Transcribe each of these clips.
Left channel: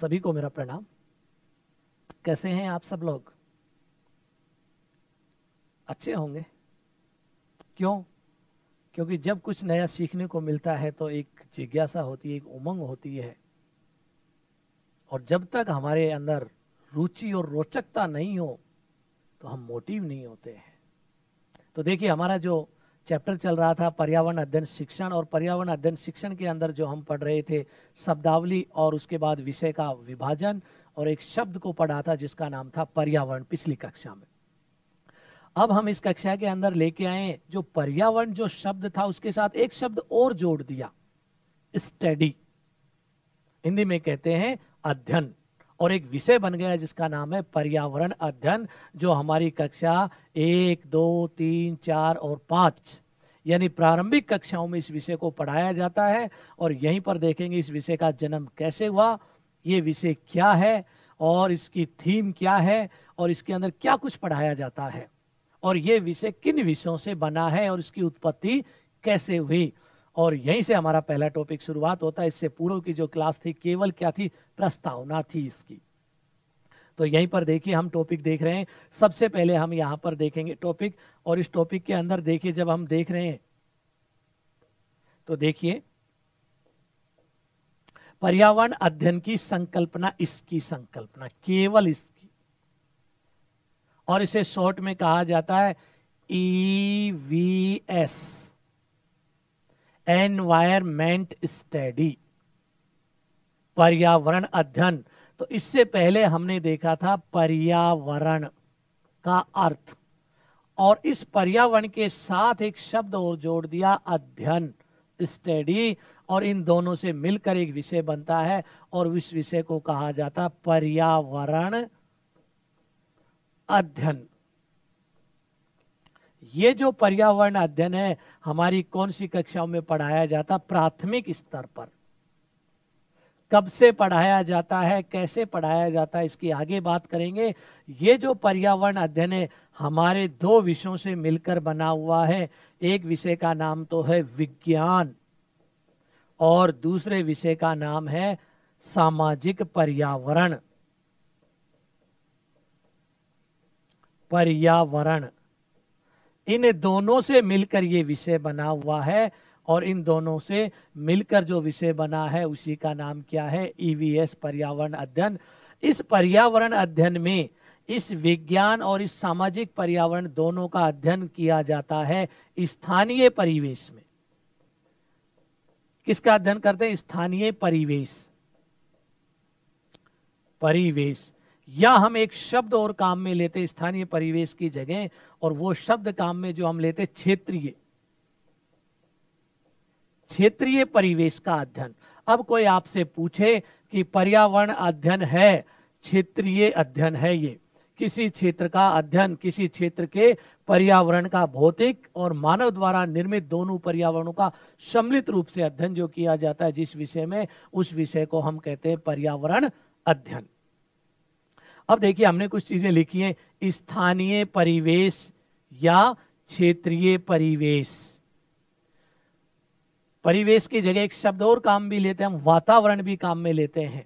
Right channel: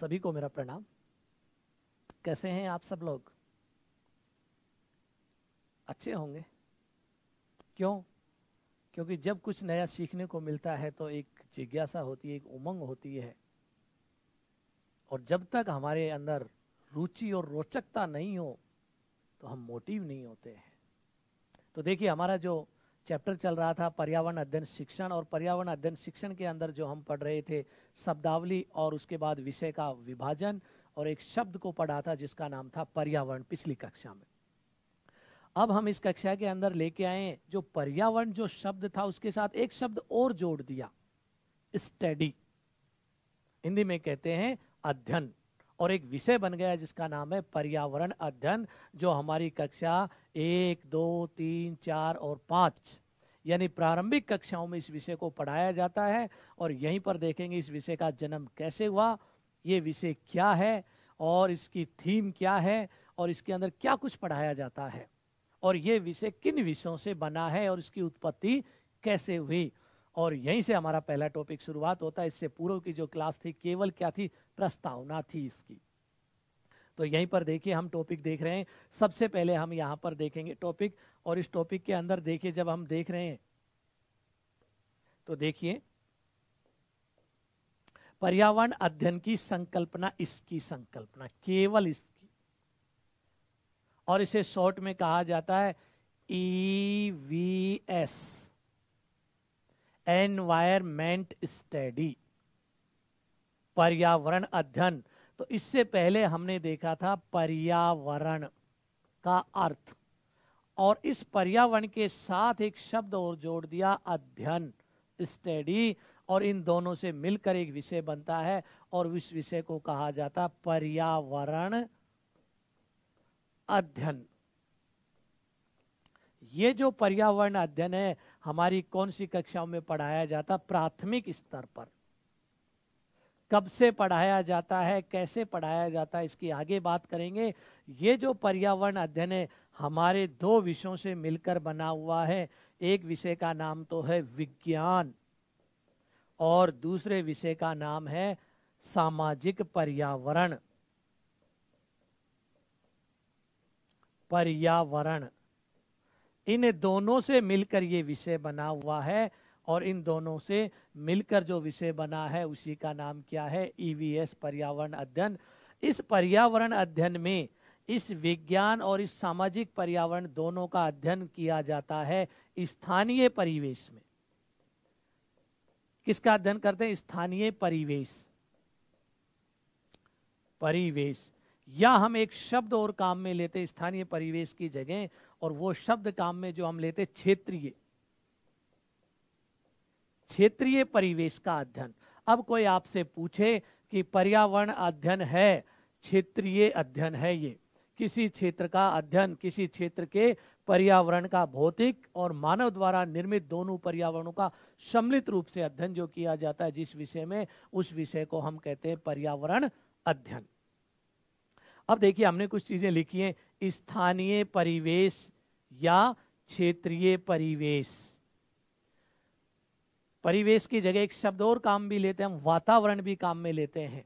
सभी को मेरा प्रणाम। कैसे हैं आप सब लोग? अच्छे होंगे। क्यों? क्योंकि जब कुछ नया सीखने को मिलता है तो एक जिज्ञासा होती है, एक उमंग होती है, और जब तक हमारे अंदर रुचि और रोचकता नहीं हो तो हम मोटिव नहीं होते हैं। तो देखिए, हमारा जो चैप्टर चल रहा था पर्यावरण अध्ययन शिक्षण, और पर्यावरण अध्ययन शिक्षण के अंदर जो हम पढ़ रहे थे शब्दावली और उसके बाद विषय का विभाजन, और एक शब्द को पढ़ा था जिसका नाम था पर्यावरण पिछली कक्षा में। अब हम इस कक्षा के अंदर लेके आए जो पर्यावरण जो शब्द था उसके साथ एक शब्द और जोड़ दिया, स्टडी। हिंदी में कहते हैं अध्ययन, और एक विषय बन गया जिसका नाम है पर्यावरण अध्ययन, जो हमारी कक्षा 1, 2, 3, 4 और 5 यानी प्रारंभिक कक्षाओं में इस विषय को पढ़ाया जाता है। और यहीं पर देखेंगे इस विषय का जन्म कैसे हुआ, ये विषय क्या है और इसकी थीम क्या है और इसके अंदर क्या कुछ पढ़ाया जाता है, और ये विषय किन विषयों से बना है और इसकी उत्पत्ति कैसे हुई। और यहीं से हमारा पहला टॉपिक शुरुआत होता है। इससे पूर्व की जो क्लास थी केवल क्या थी, प्रस्तावना थी इसकी। तो यहीं पर देखिए हम टॉपिक देख रहे हैं। सबसे पहले हम यहाँ पर देखेंगे टॉपिक, और इस टॉपिक के अंदर देखिए जब हम देख रहे हैं तो देखिए पर्यावरण अध्ययन की संकल्पना, इसकी संकल्पना केवल इसकी, और इसे शॉर्ट में कहा जाता है EVS, एनवायरमेंट स्टडी, पर्यावरण अध्ययन। तो इससे पहले हमने देखा था पर्यावरण का अर्थ, और इस पर्यावरण के साथ एक शब्द और जोड़ दिया अध्ययन, स्टडी, और इन दोनों से मिलकर एक विषय बनता है और इस विषय को कहा जाता पर्यावरण अध्ययन। ये जो पर्यावरण अध्ययन है हमारी कौन सी कक्षाओं में पढ़ाया जाता? प्राथमिक स्तर पर। कब से पढ़ाया जाता है, कैसे पढ़ाया जाता है, इसकी आगे बात करेंगे। ये जो पर्यावरण अध्ययन है हमारे दो विषयों से मिलकर बना हुआ है। एक विषय का नाम तो है विज्ञान और दूसरे विषय का नाम है सामाजिक पर्यावरण। पर्यावरण, इन दोनों से मिलकर ये विषय बना हुआ है, और इन दोनों से मिलकर जो विषय बना है उसी का नाम क्या है? EVS, पर्यावरण अध्ययन। इस पर्यावरण अध्ययन में इस विज्ञान और इस सामाजिक पर्यावरण दोनों का अध्ययन किया जाता है स्थानीय परिवेश में। किसका अध्ययन करते हैं? स्थानीय परिवेश। परिवेश, या हम एक शब्द और काम में लेते स्थानीय परिवेश की जगह, और वो शब्द काम में जो हम लेते क्षेत्रीय। क्षेत्रीय परिवेश का अध्ययन। अब कोई आपसे पूछे कि पर्यावरण अध्ययन है, क्षेत्रीय अध्ययन है, ये किसी क्षेत्र का अध्ययन, किसी क्षेत्र के पर्यावरण का भौतिक और मानव द्वारा निर्मित दोनों पर्यावरणों का सम्मिलित रूप से अध्ययन जो किया जाता है जिस विषय में, उस विषय को हम कहते हैं पर्यावरण अध्ययन। अब देखिए हमने कुछ चीजें लिखी हैं, स्थानीय परिवेश या क्षेत्रीय परिवेश। परिवेश की जगह एक शब्द और काम भी लेते हैं हम, वातावरण भी काम में लेते हैं।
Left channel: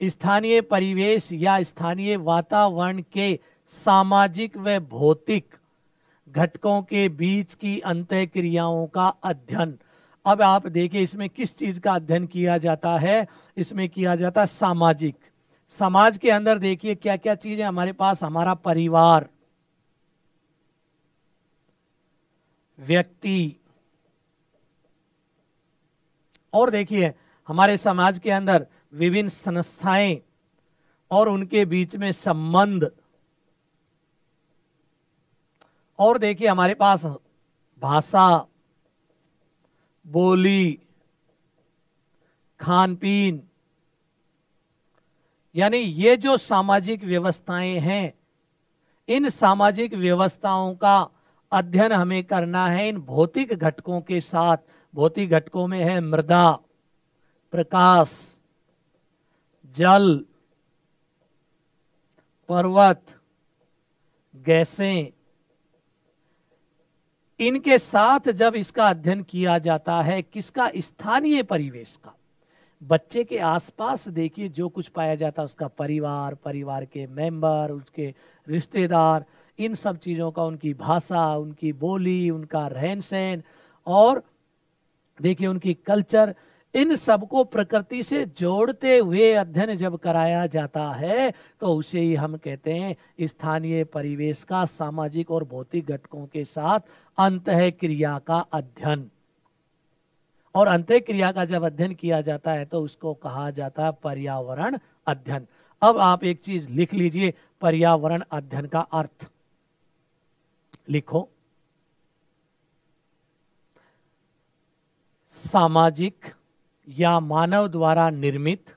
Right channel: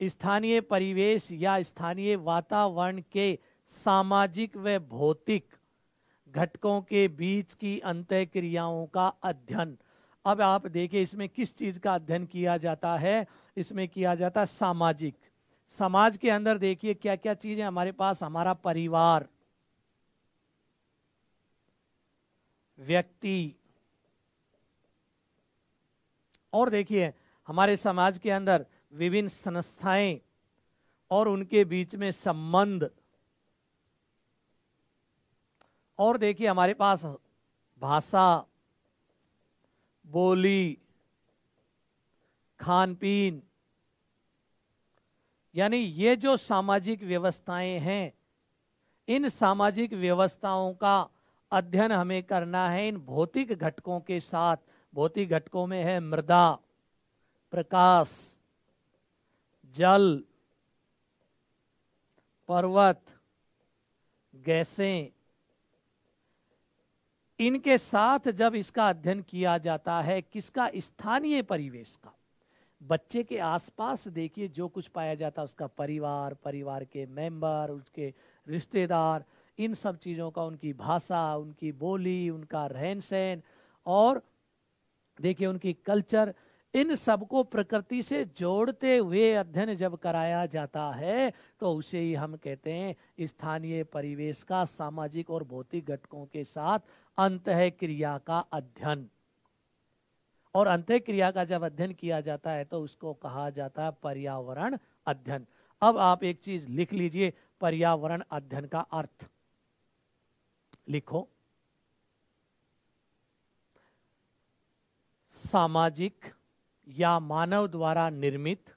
स्थानीय परिवेश या स्थानीय वातावरण के सामाजिक व भौतिक घटकों के बीच की अंतःक्रियाओं का अध्ययन। अब आप देखिए इसमें किस चीज का अध्ययन किया जाता है? इसमें किया जाता है सामाजिक। समाज के अंदर देखिए क्या क्या चीजें हमारे पास, हमारा परिवार, व्यक्ति, और देखिए हमारे समाज के अंदर विभिन्न संस्थाएं और उनके बीच में संबंध, और देखिए हमारे पास भाषा, बोली, खान पीन, यानी ये जो सामाजिक व्यवस्थाएं हैं, इन सामाजिक व्यवस्थाओं का अध्ययन हमें करना है इन भौतिक घटकों के साथ। भौतिक घटकों में है मृदा, प्रकाश, जल, पर्वत, गैसें। इनके साथ जब इसका अध्ययन किया जाता है, किसका? स्थानीय परिवेश का। बच्चे के आसपास देखिए जो कुछ पाया जाता है, उसका परिवार, परिवार के मेंबर, उसके रिश्तेदार, इन सब चीजों का, उनकी भाषा, उनकी बोली, उनका रहन सहन, और देखिए उनकी कल्चर, इन सबको प्रकृति से जोड़ते हुए अध्ययन जब कराया जाता है तो उसे ही हम कहते हैं स्थानीय परिवेश का सामाजिक और भौतिक घटकों के साथ अंतःक्रिया का अध्ययन। और अंतःक्रिया का जब अध्ययन किया जाता है तो उसको कहा जाता है पर्यावरण अध्ययन। अब आप एक चीज लिख लीजिए, पर्यावरण अध्ययन का अर्थ लिखो। सामाजिक या मानव द्वारा निर्मित,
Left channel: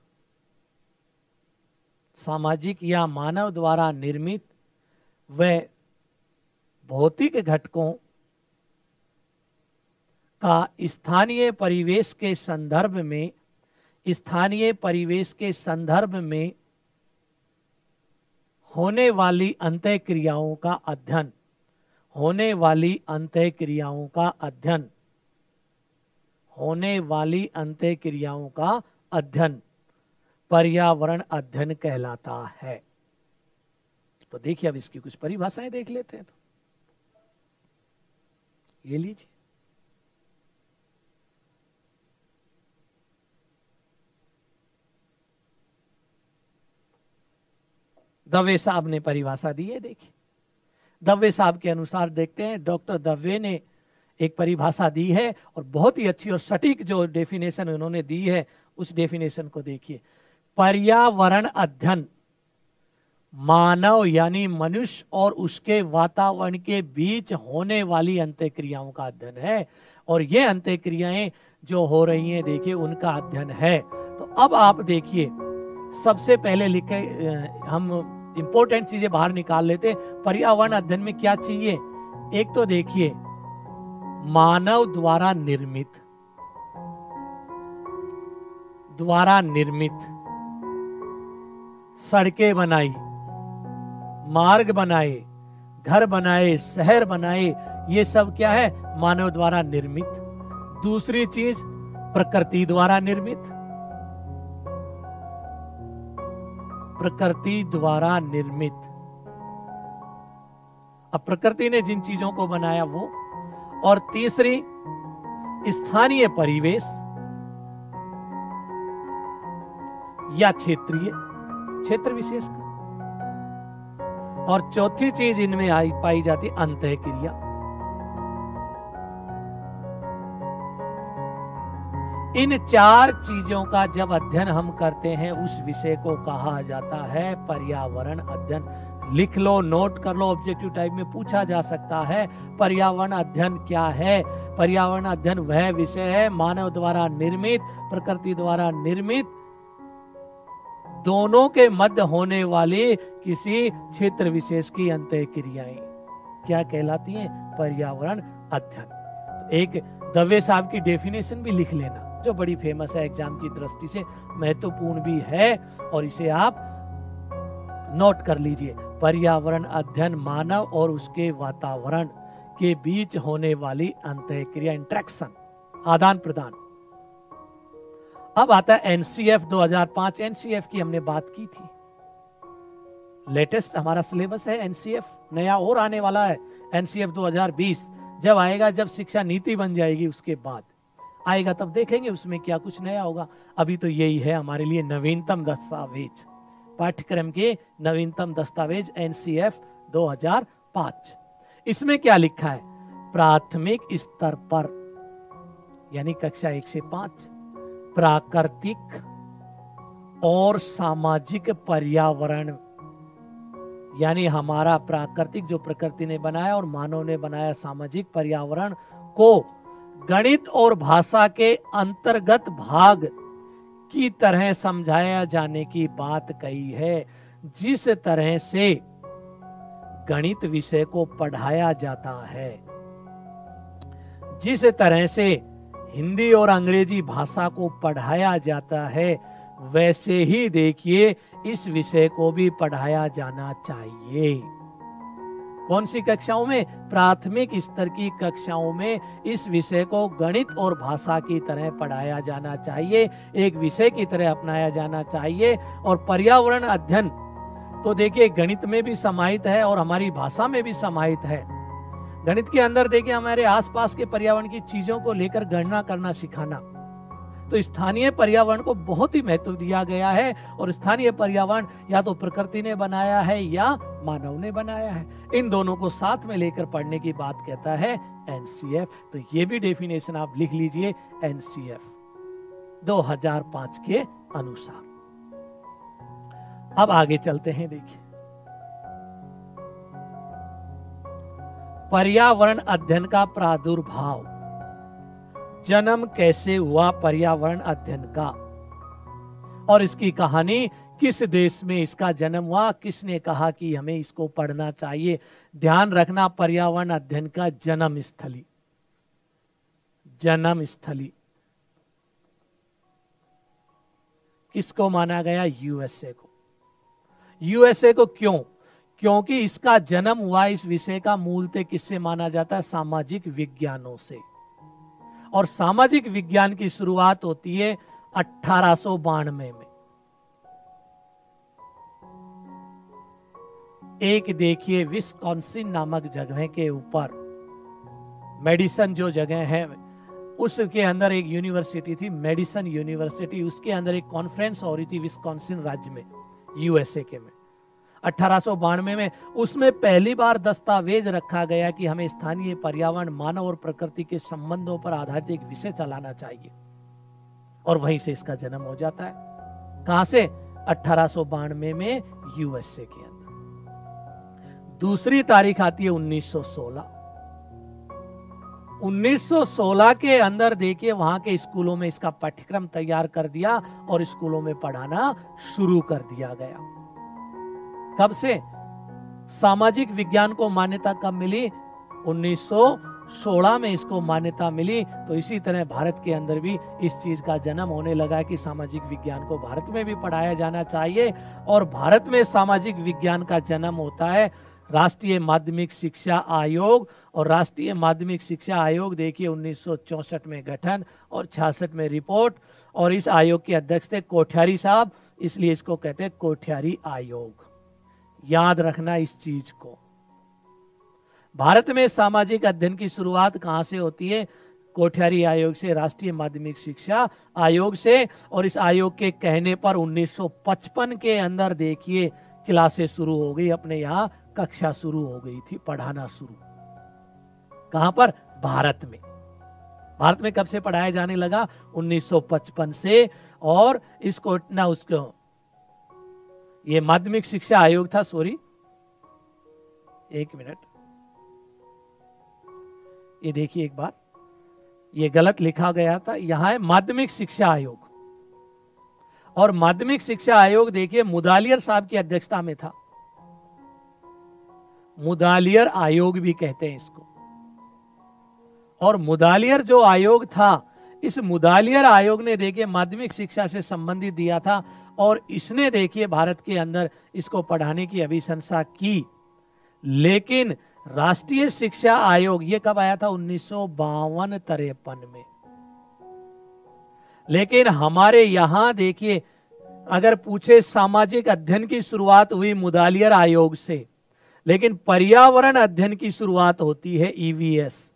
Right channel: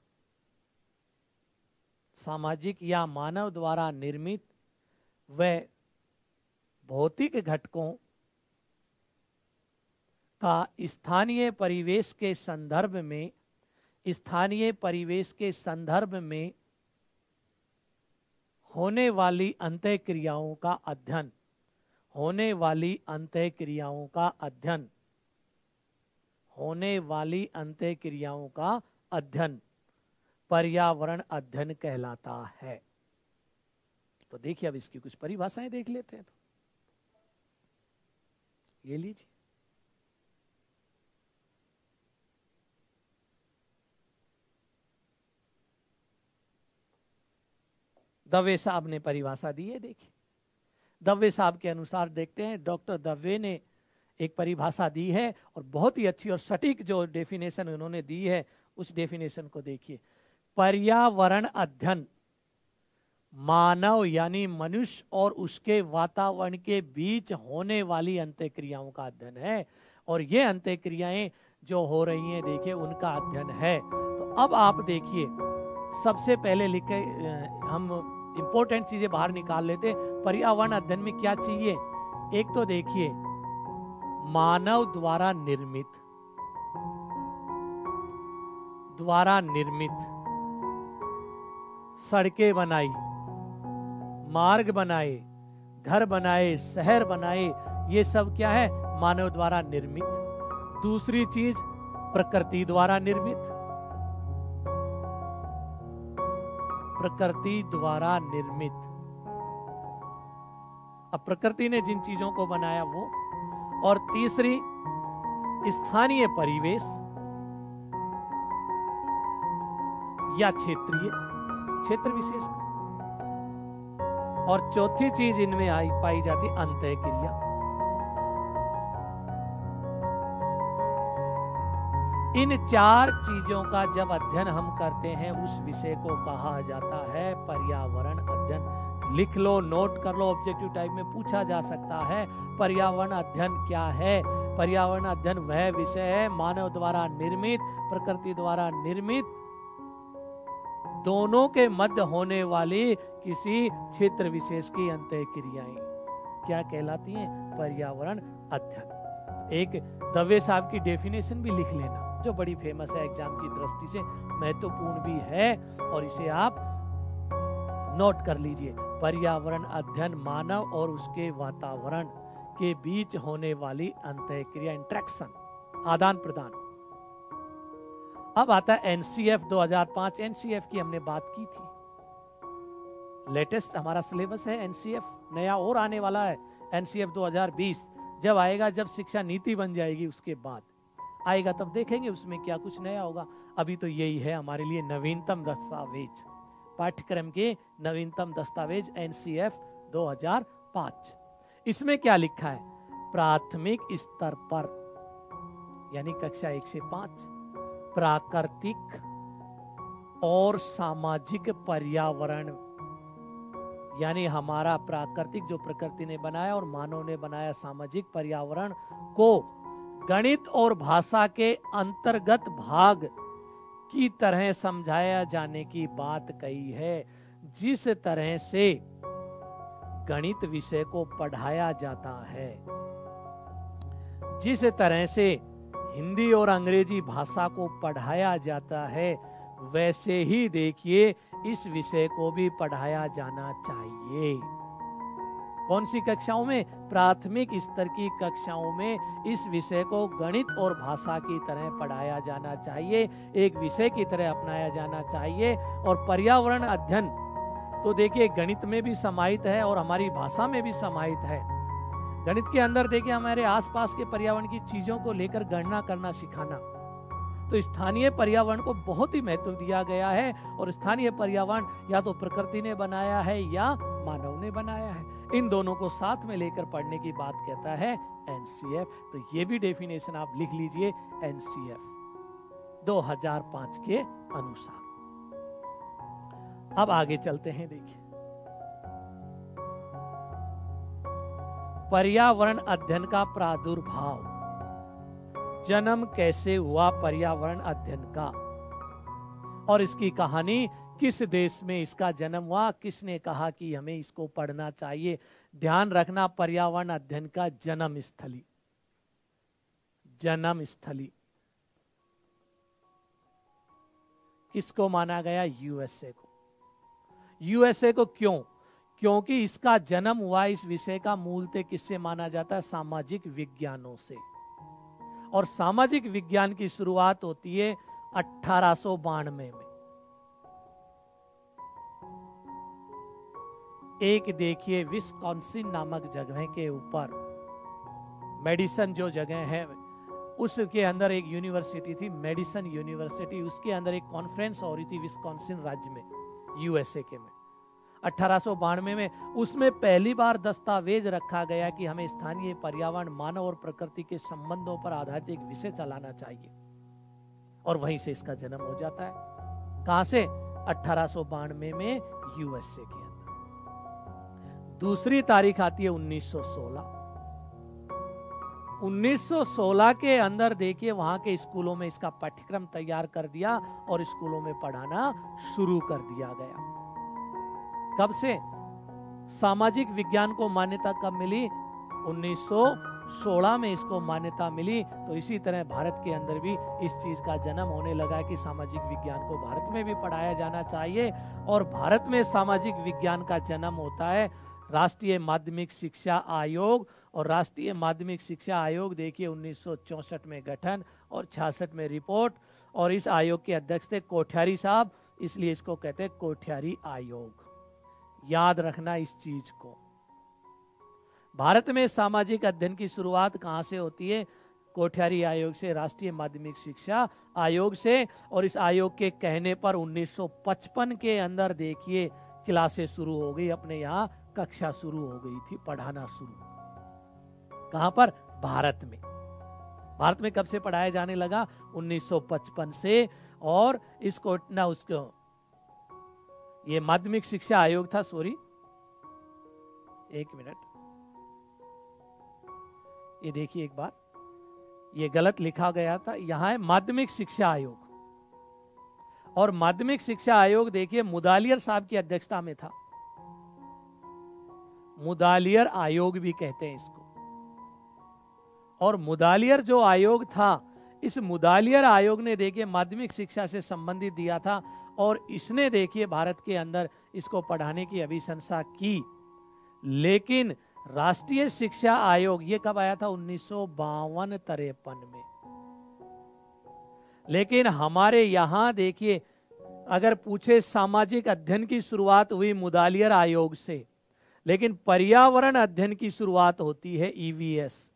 सामाजिक या मानव द्वारा निर्मित व भौतिक घटकों का स्थानीय परिवेश के संदर्भ में, स्थानीय परिवेश के संदर्भ में होने वाली अंतःक्रियाओं का अध्ययन, होने वाली अंतःक्रियाओं का अध्ययन, होने वाली अंतःक्रियाओं का अध्ययन पर्यावरण अध्ययन कहलाता है। तो देखिए अब इसकी कुछ परिभाषाएं देख लेते हैं। तो ये लीजिए, दवे साहब ने परिभाषा दी है। देखिए दवे साहब के अनुसार देखते हैं, डॉक्टर दवे ने एक परिभाषा दी है और बहुत ही अच्छी और सटीक जो डेफिनेशन उन्होंने दी है उस डेफिनेशन को देखिए। पर्यावरण अध्ययन मानव यानी मनुष्य और उसके वातावरण के बीच होने वाली अंतःक्रियाओं का अध्ययन है, और ये अंतःक्रियाएं जो हो रही हैं देखिए उनका अध्ययन है। तो अब आप देखिए सबसे पहले लिखे, हम इंपॉर्टेंट चीजें बाहर निकाल लेते। पर्यावरण अध्ययन में क्या चाहिए? एक तो देखिए मानव द्वारा निर्मित, द्वारा निर्मित सड़कें बनाई, मार्ग बनाए, घर बनाए, शहर बनाए, ये सब क्या है? मानव द्वारा निर्मित। दूसरी चीज प्रकृति द्वारा निर्मित, प्रकृति द्वारा निर्मित। अब प्रकृति ने जिन चीजों को बनाया वो, और तीसरी स्थानीय परिवेश या क्षेत्रीय, क्षेत्र विशेष, और चौथी चीज इनमें पाई जाती अंतःक्रिया। इन चार चीजों का जब अध्ययन हम करते हैं उस विषय को कहा जाता है पर्यावरण अध्ययन। लिख लो, नोट कर लो, ऑब्जेक्टिव टाइप में पूछा जा सकता है पर्यावरण अध्ययन क्या है। पर्यावरण अध्ययन वह विषय है मानव द्वारा निर्मित, प्रकृति द्वारा निर्मित, दोनों के मध्य होने वाली किसी क्षेत्र विशेष की अंतःक्रियाएं क्या कहलाती हैं? पर्यावरण अध्ययन। एक दवे साहब की डेफिनेशन भी लिख लेना जो बड़ी फेमस है, एग्जाम की दृष्टि से महत्वपूर्ण भी है, और इसे आप नोट कर लीजिए। पर्यावरण अध्ययन मानव और उसके वातावरण के बीच होने वाली अंतःक्रिया, इंटरेक्शन, आदान प्रदान। अब आता है एनसीएफ 2005। एनसीएफ की हमने बात की थी, लेटेस्ट हमारा सिलेबस है एनसीएफ, नया और आने वाला है एनसीएफ 2020। जब आएगा, जब शिक्षा नीति बन जाएगी उसके बाद आएगा, तब देखेंगे उसमें क्या कुछ नया होगा। अभी तो यही है हमारे लिए नवीनतम दस्तावेज, पाठ्यक्रम के नवीनतम दस्तावेज एनसीएफ 2005। इसमें क्या लिखा है? प्राथमिक स्तर पर यानी कक्षा 1 से 5 प्राकृतिक और सामाजिक पर्यावरण, यानी हमारा प्राकृतिक जो प्रकृति ने बनाया और मानव ने बनाया सामाजिक पर्यावरण को गणित और भाषा के अंतर्गत भाग की तरह समझाया जाने की बात कही है। जिस तरह से गणित विषय को पढ़ाया जाता है, जिस तरह से हिंदी और अंग्रेजी भाषा को पढ़ाया जाता है, वैसे ही देखिए इस विषय को भी पढ़ाया जाना चाहिए। कौन सी कक्षाओं में? प्राथमिक स्तर की कक्षाओं में इस विषय को गणित और भाषा की तरह पढ़ाया जाना चाहिए, एक विषय की तरह अपनाया जाना चाहिए। और पर्यावरण अध्ययन तो देखिए गणित में भी समाहित है और हमारी भाषा में भी समाहित है। गणित के अंदर देखिए हमारे आसपास के पर्यावरण की चीजों को लेकर गणना करना सिखाना। तो स्थानीय पर्यावरण को बहुत ही महत्व दिया गया है और स्थानीय पर्यावरण या तो प्रकृति ने बनाया है या मानव ने बनाया है। इन दोनों को साथ में लेकर पढ़ने की बात कहता है एनसीएफ। तो ये भी डेफिनेशन आप लिख लीजिए एनसीएफ 2005 के अनुसार। अब आगे चलते हैं। देखिए पर्यावरण अध्ययन का प्रादुर्भाव, जन्म कैसे हुआ पर्यावरण अध्ययन का और इसकी कहानी, किस देश में इसका जन्म हुआ, किसने कहा कि हमें इसको पढ़ना चाहिए। ध्यान रखना पर्यावरण अध्ययन का जन्म स्थली, जन्म स्थली किसको माना गया? यूएसए को। यूएसए को क्यों? क्योंकि इसका जन्म हुआ, इस विषय का मूलतः किससे माना जाता है? सामाजिक विज्ञानों से। और सामाजिक विज्ञान की शुरुआत होती है 1892 में। एक देखिए विस्कॉन्सिन नामक जगह के ऊपर, मेडिसन जो जगह है उसके अंदर एक यूनिवर्सिटी थी, मेडिसन यूनिवर्सिटी। उसके अंदर एक कॉन्फ्रेंस हो रही थी विस्कॉन्सिन राज्य में, यूएसए के में 1892 में। उसमें पहली बार दस्तावेज रखा गया कि हमें स्थानीय पर्यावरण, मानव और प्रकृति के संबंधों पर आधारित एक विषय चलाना चाहिए। और वहीं से इसका जन्म हो जाता है। कहां से? 1892 में यूएसए के अंदर। दूसरी तारीख आती है 1916। 1916 के अंदर देखिए वहां के स्कूलों में इसका पाठ्यक्रम तैयार कर दिया और स्कूलों में पढ़ाना शुरू कर दिया गया। कब से? सामाजिक विज्ञान को मान्यता कब मिली? 1916 में इसको मान्यता मिली। तो इसी तरह भारत के अंदर भी इस चीज का जन्म होने लगा कि सामाजिक विज्ञान को भारत में भी पढ़ाया जाना चाहिए। और भारत में सामाजिक विज्ञान का जन्म होता है राष्ट्रीय माध्यमिक शिक्षा आयोग। और राष्ट्रीय माध्यमिक शिक्षा आयोग देखिए 1964 में गठन और 66 में रिपोर्ट। और इस आयोग के अध्यक्ष थे कोठियारी साहब, इसलिए इसको कहते हैं कोठियारी आयोग। याद रखना इस चीज को। भारत में सामाजिक अध्ययन की शुरुआत कहां से होती है? कोठियारी आयोग से, राष्ट्रीय माध्यमिक शिक्षा आयोग से। और इस आयोग के कहने पर 1955 के अंदर देखिए क्लासेस शुरू हो गई, अपने यहाँ कक्षा शुरू हो गई थी, पढ़ाना शुरू। कहां पर? भारत में। भारत में कब से पढ़ाया जाने लगा? 1955 से। और इसको ना उसको ये माध्यमिक शिक्षा आयोग था, सॉरी एक मिनट, ये देखिए एक बार, ये गलत लिखा गया था, यहां है माध्यमिक शिक्षा आयोग। और माध्यमिक शिक्षा आयोग देखिए मुदालियर साहब की अध्यक्षता में था। मुदालियर आयोग भी कहते हैं इसको। और मुदालियर जो आयोग था, इस मुदालियर आयोग ने देखिए माध्यमिक शिक्षा से संबंधित दिया था। और इसने देखिए भारत के अंदर इसको पढ़ाने की अभिशंसा की। लेकिन राष्ट्रीय शिक्षा आयोग ये कब आया था? 1952-53 में। लेकिन हमारे यहां देखिए अगर पूछे सामाजिक अध्ययन की शुरुआत हुई मुदालियर आयोग से, लेकिन पर्यावरण अध्ययन की शुरुआत होती है ईवीएस,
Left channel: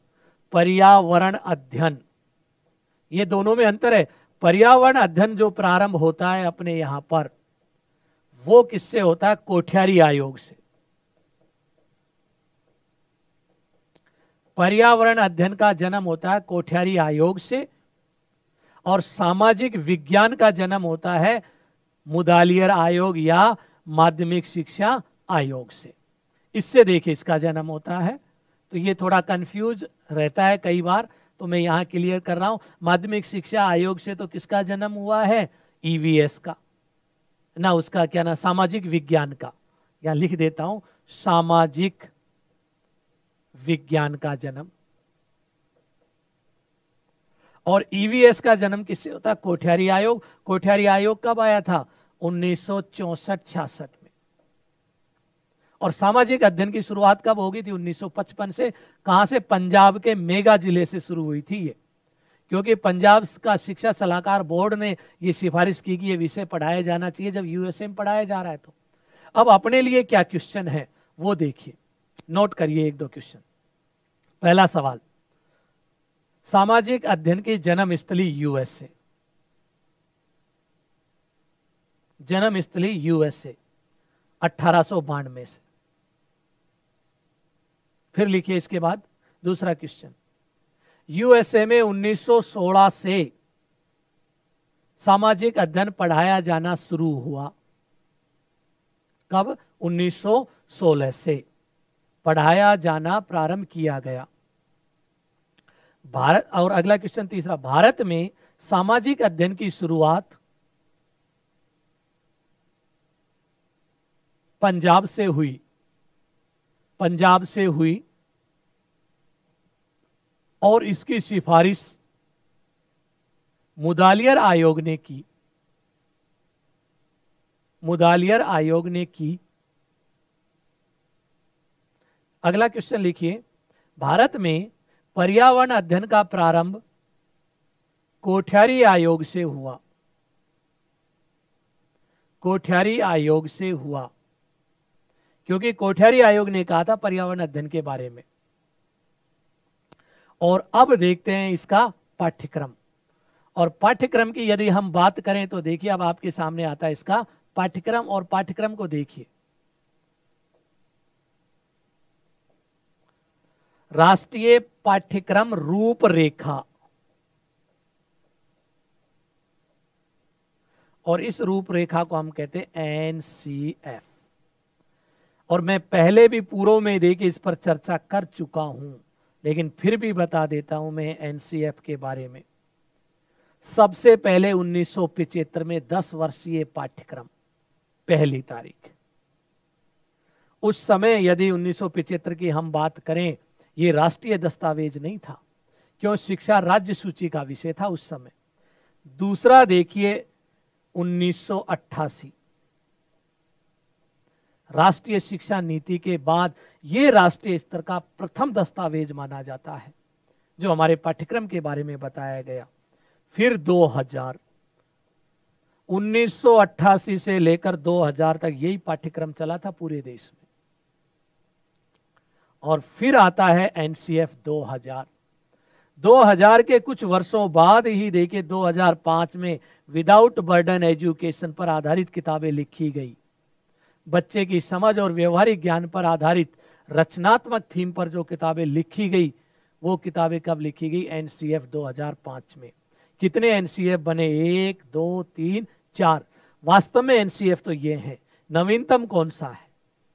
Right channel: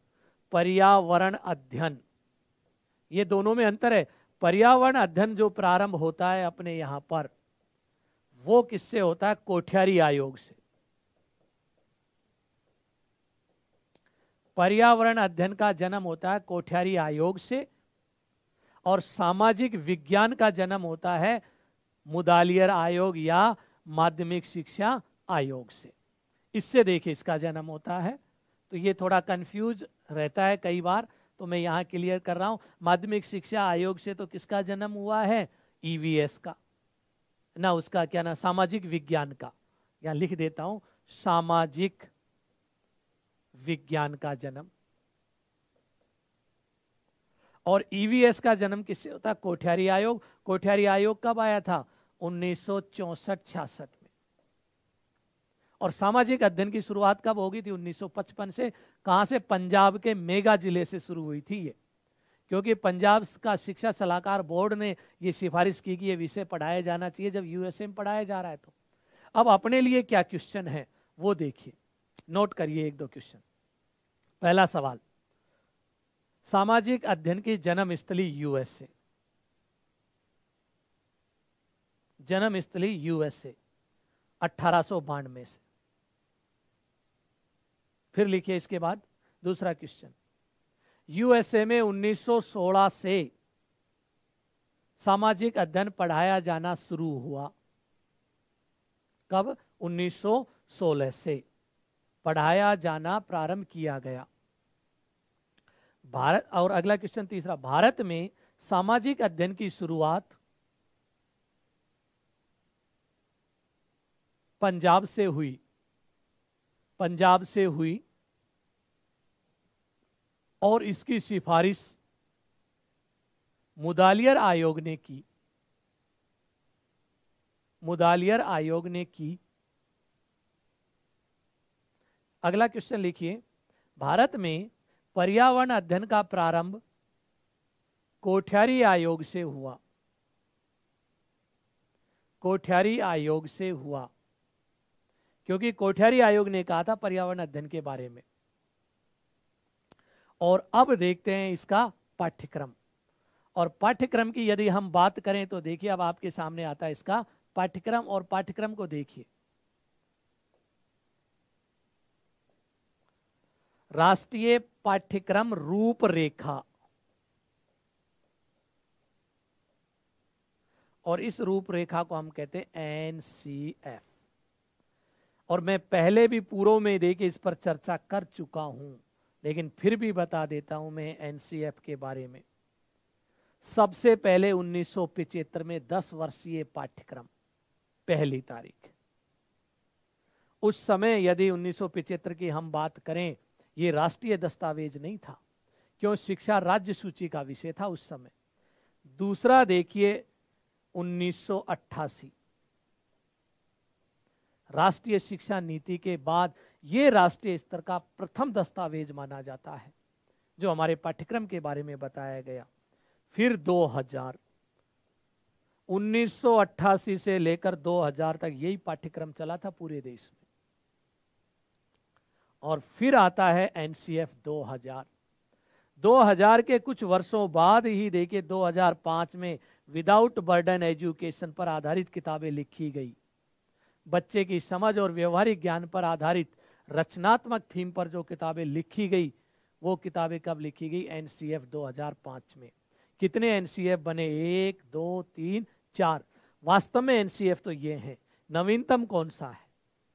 पर्यावरण अध्ययन। ये दोनों में अंतर है। पर्यावरण अध्ययन जो प्रारंभ होता है अपने यहां पर, वो किससे होता है? कोठियारी आयोग से। पर्यावरण अध्ययन का जन्म होता है कोठियारी आयोग से। और सामाजिक विज्ञान का जन्म होता है मुदालियर आयोग या माध्यमिक शिक्षा आयोग से। इससे देखिए इसका जन्म होता है। तो ये थोड़ा कंफ्यूज रहता है कई बार, तो मैं यहां क्लियर कर रहा हूं। माध्यमिक शिक्षा आयोग से तो किसका जन्म हुआ है? ईवीएस का ना, उसका क्या ना, सामाजिक विज्ञान का। यहां लिख देता हूं, सामाजिक विज्ञान का जन्म। और ईवीएस का जन्म किससे होता है? कोठियारी आयोग। कोठियारी आयोग कब आया था? 1964-66 में। और सामाजिक अध्ययन की शुरुआत कब होगी थी? 1955 से। कहां से? पंजाब के मेगा जिले से शुरू हुई थी ये, क्योंकि पंजाब का शिक्षा सलाहकार बोर्ड ने ये सिफारिश की कि ये विषय पढ़ाया जाना चाहिए जब यूएसए में पढ़ाया जा रहा है। तो अब अपने लिए क्या क्वेश्चन है वो देखिए, नोट करिए एक दो क्वेश्चन। पहला सवाल, सामाजिक अध्ययन की जन्म स्थली यूएसए, जन्म स्थली यूएसए 1892 से। फिर लिखिए इसके बाद दूसरा क्वेश्चन, यूएसए में 1916 से सामाजिक अध्ययन पढ़ाया जाना शुरू हुआ। कब? 1916 से पढ़ाया जाना प्रारंभ किया गया। भारत, और अगला क्वेश्चन तीसरा, भारत में सामाजिक अध्ययन की शुरुआत पंजाब से हुई, पंजाब से हुई और इसकी सिफारिश मुदालियर आयोग ने की, मुदालियर आयोग ने की। अगला क्वेश्चन लिखिए, भारत में पर्यावरण अध्ययन का प्रारंभ कोठियारी आयोग से हुआ, कोठियारी आयोग से हुआ, क्योंकि कोठियारी आयोग ने कहा था पर्यावरण अध्ययन के बारे में। और अब देखते हैं इसका पाठ्यक्रम, और पाठ्यक्रम की यदि हम बात करें तो देखिए अब आपके सामने आता है इसका पाठ्यक्रम, और पाठ्यक्रम को देखिए, राष्ट्रीय पाठ्यक्रम रूपरेखा, और इस रूपरेखा को हम कहते हैं एनसीएफ। और मैं पहले भी पूर्व में देखिए इस पर चर्चा कर चुका हूं, लेकिन फिर भी बता देता हूं मैं एनसीएफ के बारे में। सबसे पहले 1975 में 10 वर्षीय पाठ्यक्रम, पहली तारीख। उस समय यदि 1975 की हम बात करें, ये राष्ट्रीय दस्तावेज नहीं था, क्यों? शिक्षा राज्य सूची का विषय था उस समय। दूसरा देखिए 1988, राष्ट्रीय शिक्षा नीति के बाद ये राष्ट्रीय स्तर का प्रथम दस्तावेज माना जाता है जो हमारे पाठ्यक्रम के बारे में बताया गया। फिर 2000, 1988 से लेकर 2000 तक यही पाठ्यक्रम चला था पूरे देश में। और फिर आता है एनसीएफ 2000। 2000 के कुछ वर्षों बाद ही देखिए 2005 में विदाउट बर्डन एजुकेशन पर आधारित किताबें लिखी गई। बच्चे की समझ और व्यवहारिक ज्ञान पर आधारित रचनात्मक थीम पर जो किताबें लिखी गई, वो किताबें कब लिखी गई? एनसीएफ 2005 में। कितने एनसीएफ बने? 1, 2, 3, 4। वास्तव में एनसीएफ तो ये है। नवीनतम कौन सा है,